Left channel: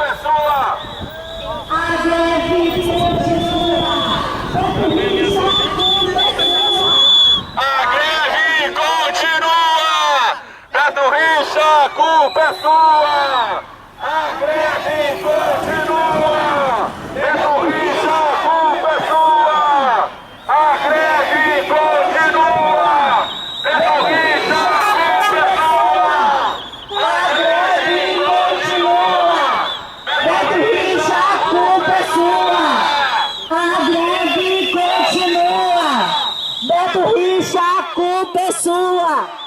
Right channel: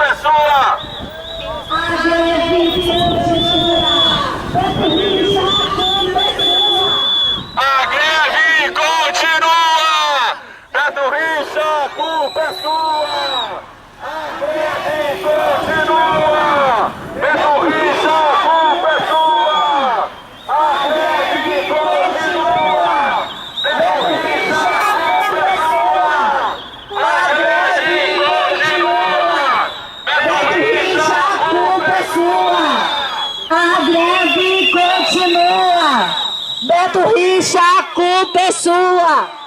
Pessoa! A greve continua. A greve continua! Beto Richa, culpa é sua! A greve continua! Beto Richa, culpa é sua! A greve continua! Beto Richa, culpa é sua! A greve continua! Beto Richa, Culpa é sua. A greve continua. Beto Richa, a culpa é sua.